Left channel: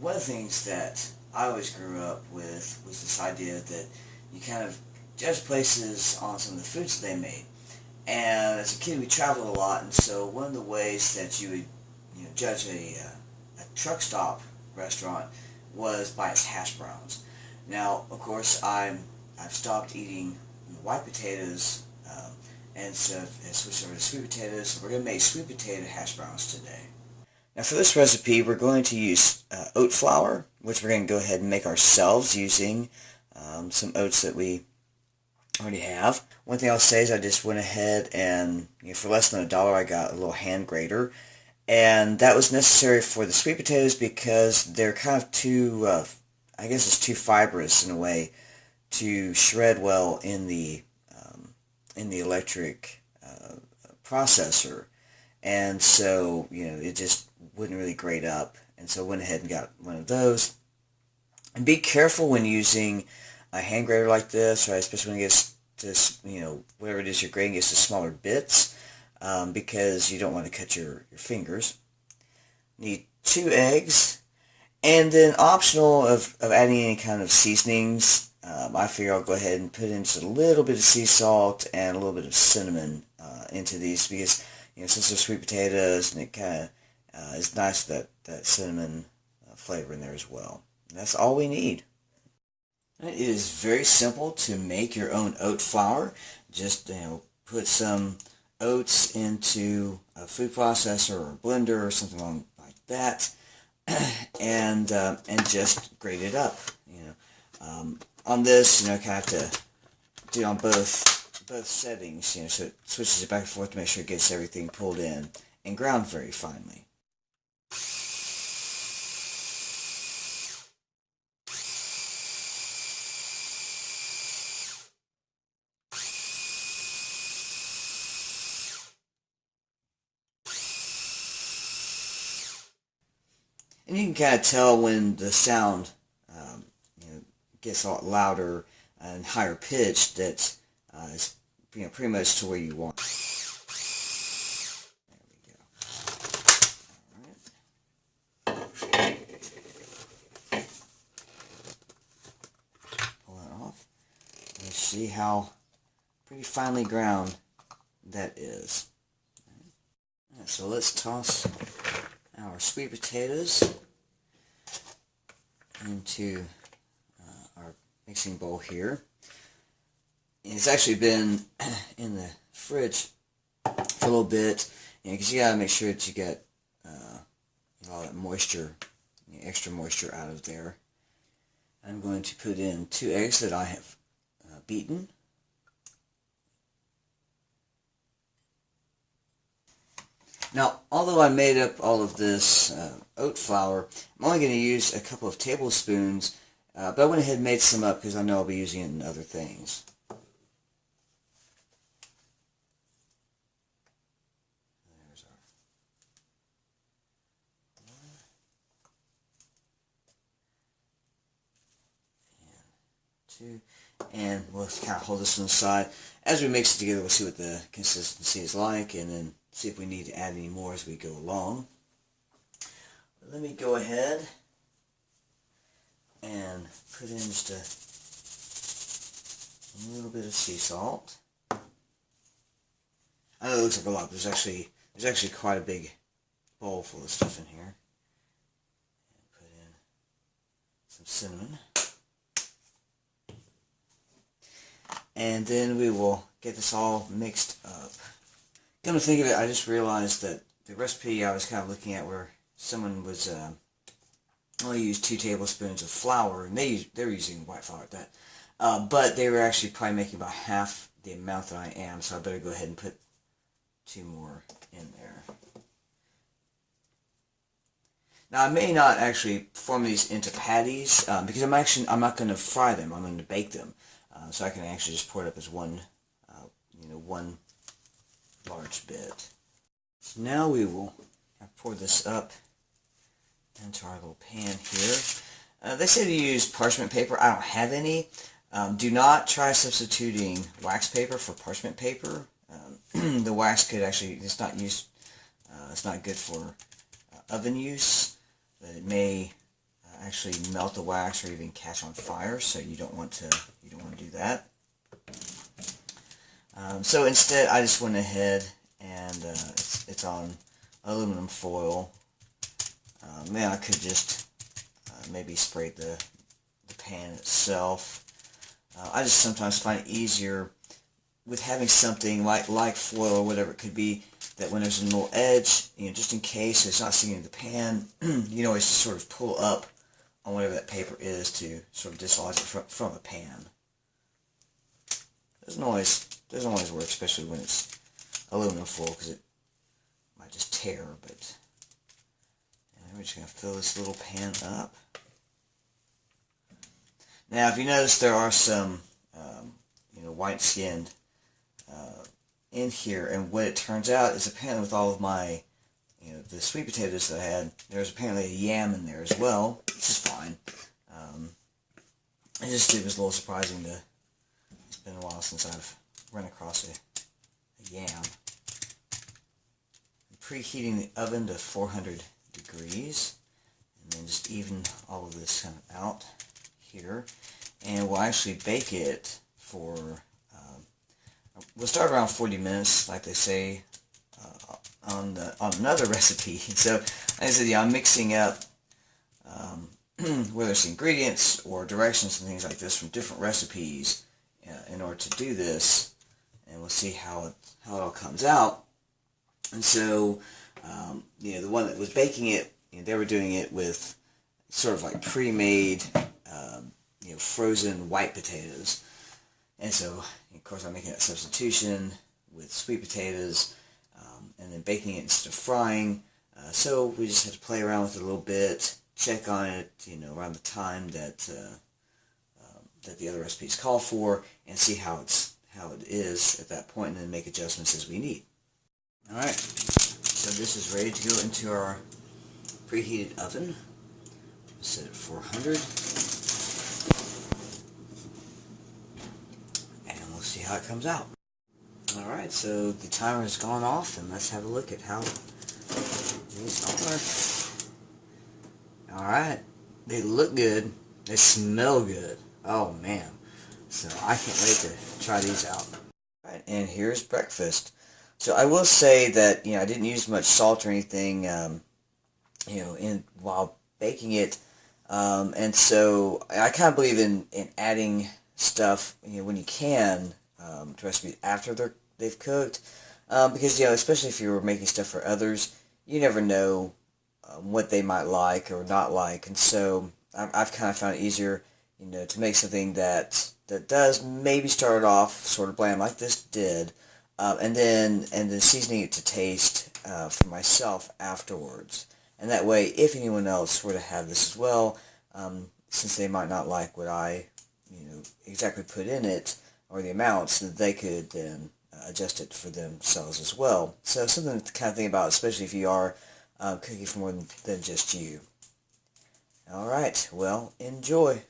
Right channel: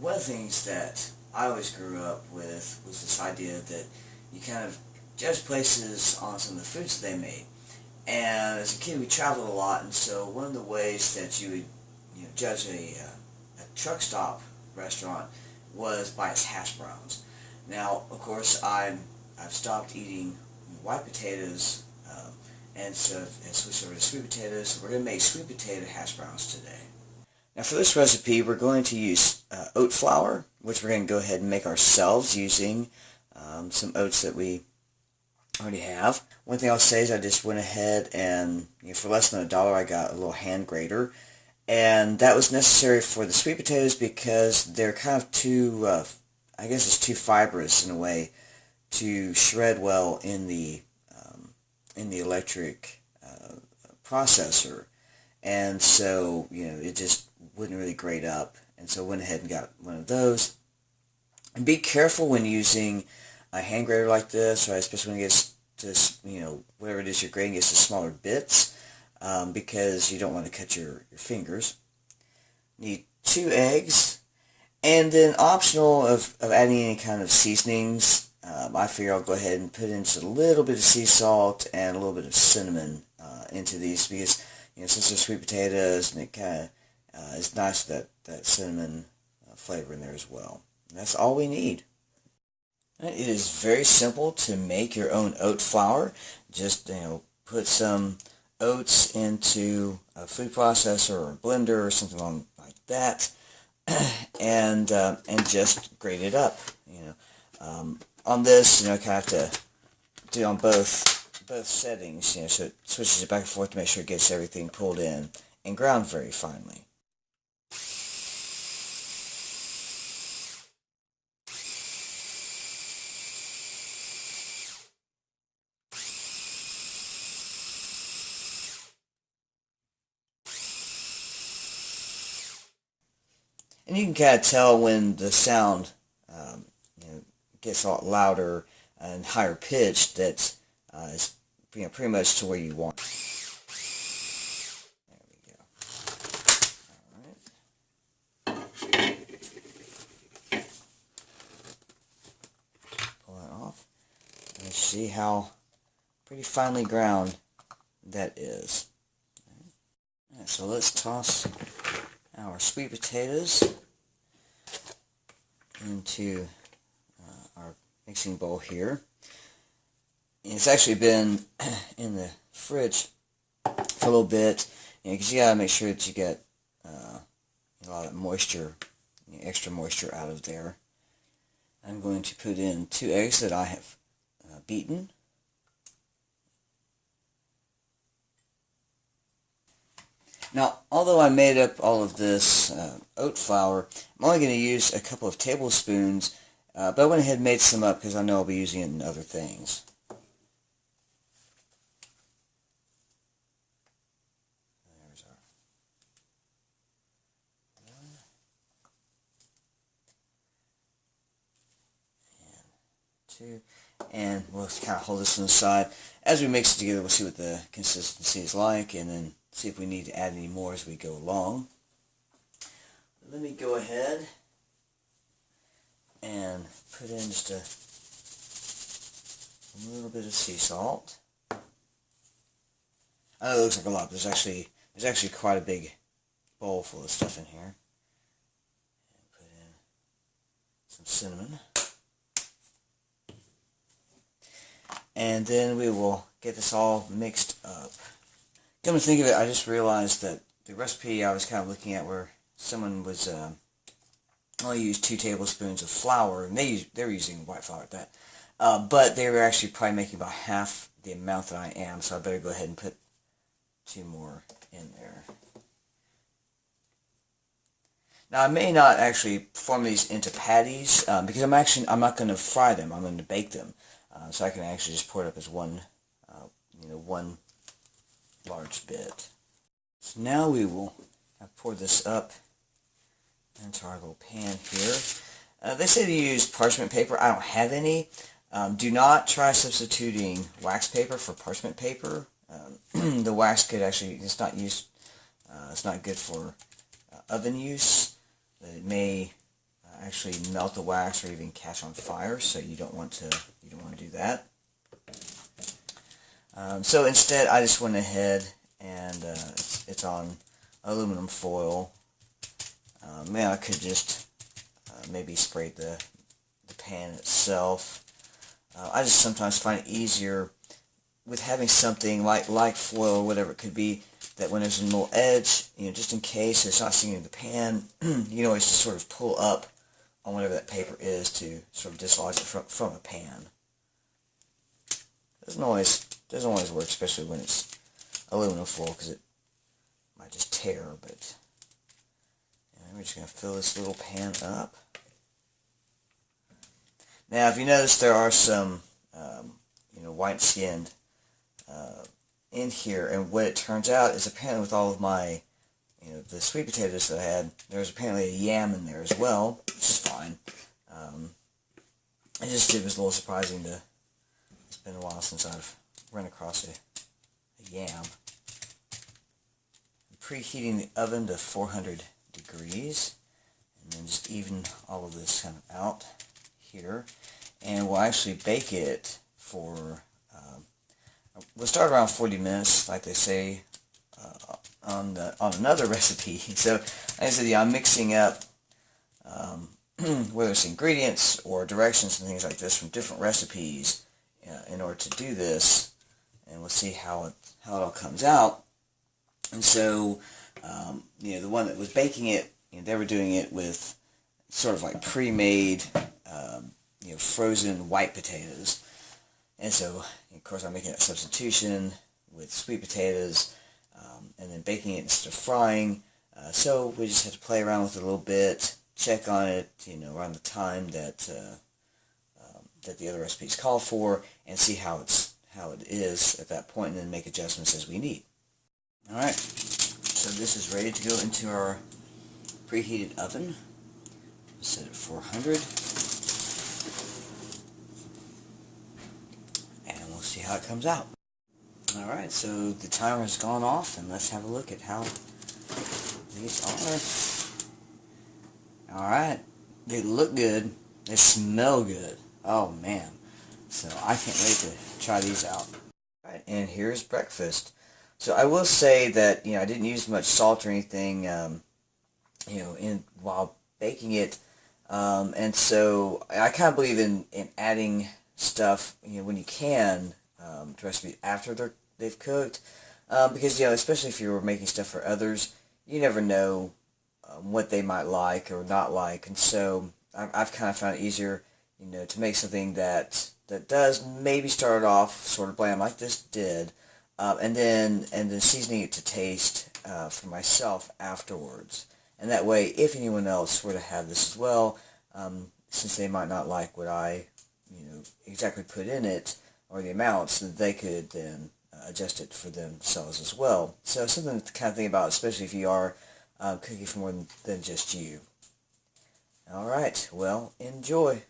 one of the things that I always grew up with was this idea that you kind of judge places on some of the foods that they made. And as a kid, we traveled a lot, and so one of the ways that you would, judge a truck stop restaurant was by its hash browns. Now, of course, I've stopped eating white potatoes, and so I've switched over to sweet potatoes. So we're going to make sweet potato hash browns today. Now for this recipe, we're going to use oat flour, which we're going to go ahead and make ourselves using some oats that we already have. One thing I'll say is I just went ahead and, for less than $1, I got a little hand grater. And that was necessary for the sweet potatoes because they're kind of too, I guess it's too fibrous in a way to shred well in the electric processor. And so, it just wouldn't really grate up. And so I went ahead and got one of those. And be careful when using a hand grater like this, right? Especially when it gets to, whatever it is you're grating gets to smaller bits, because you don't want to cut your fingers. Need 2 eggs. And then optional of adding any kind of seasonings, I figure I'll go ahead and put in just a little bit of sea salt and a little bit of cinnamon into these because, since they're sweet potatoes, and it kind of is nice that cinnamon flavor in there as well. And that's all we need. It is very simple to make your own oat flour. Just put some oats into a food processor or a blender or something like that, and just grate it up. On this, I kind of have to do on both settings, so it switches it back and forth to make sure it gets everything pulled in and ground very finely. And you can kind of tell when the sound gets a lot louder and higher pitched that is pretty much to where you want. There we go. Alright. Pull that off. And see how pretty finely ground that is. Right, so let's toss our sweet potatoes into our mixing bowl here. And it's actually been in the fridge for a little bit, because you gotta make sure that you get a lot of moisture, extra moisture out of there. I'm going to put in 2 eggs that I have beaten. Now, although I made up all of this oat flour, I'm only going to use a couple of tablespoons, but I went ahead and made some up because I know I'll be using it in other things. There's our 1 and 2, and we'll kind of hold this on the side. As we mix it together, we'll see what the consistency is like, and then see if we need to add any more as we go along. Let me go ahead and put in just a little bit of sea salt. I know it looks like a lot, but there's actually quite a big bowl full of stuff in here. And put in some cinnamon. And then we will get this all mixed up. Come to think of it, I just realized that the recipe I was kind of looking at where someone was only used 2 tablespoons of flour, and they were using white flour at that, but they were actually probably making about half the amount that I am, so I better go ahead and put 2 more in there. Now I may not actually form these into patties because I'm not going to fry them. I'm going to bake them, so I can actually just pour it up as one large bit. So now we will pour this up into our little pan here. They say to use parchment paper. I don't have any. Do not try substituting wax paper for parchment paper. The wax could actually, it's not good for oven use. It may actually melt the wax or even catch on fire, so you don't want to do that. So instead, I just went ahead and it's on aluminum foil. Man, I could just maybe spray the pan itself. I just sometimes find it easier with having something like foil or whatever it could be, that when there's a little edge, just in case it's not sticking in the pan, you can always just sort of pull up on whatever that paper is to sort of dislodge it from a pan. Doesn't always work, especially when it's aluminum foil, because it might just tear. But we're just going to fill this little pan up. Now, if you notice, there are some white-skinned in here, and what it turns out is apparently with all of my the sweet potatoes that I had, there's apparently a yam in there as well, which is fine. It was a little surprising to. It's been a while since I've run across a yam. I'm preheating the oven to 400 degrees, and then just even all of this out here, and we'll actually bake it for. We'll start around 40 minutes, like they say on another recipe. So, as I said, I'm mixing up whether it's ingredients or directions and things like this from different recipes in order to do this, and we'll see how it all comes out. And so, the one that was baking it, they were doing it with sort of like pre-made, frozen white potatoes. And so, of course, I'm making that substitution with sweet potatoes, and then baking it instead of frying. So we just have to play around with it a little bit, check on it, around the time that the other recipes call for, and see how it is at that point, and then make adjustments as we need. All right, so this is ready to go into our preheated oven. Set it 400. See how it comes out. Alright, so the timer has gone off, and let's have a look at how these are. Alright, they look good, they smell good. Oh man, so I can't wait to try these out. Alright, and here's breakfast. So I will say that, I didn't use much salt or anything, while baking it, and so I kind of believe in adding stuff, when you can, to recipes after they've cooked, because, especially if you're making stuff for others, you never know what they might like or not like, and so I've kind of found it easier, to make something that does maybe start off sort of bland like this did, and then seasoning it to taste for myself afterwards, and that way, if anyone else were to have this as well, since they might not like what I exactly put in it, or the amounts, that they could then adjust it for themselves as well. So something to kind of think about, especially if you are cooking for more than just you. Alright, well, enjoy.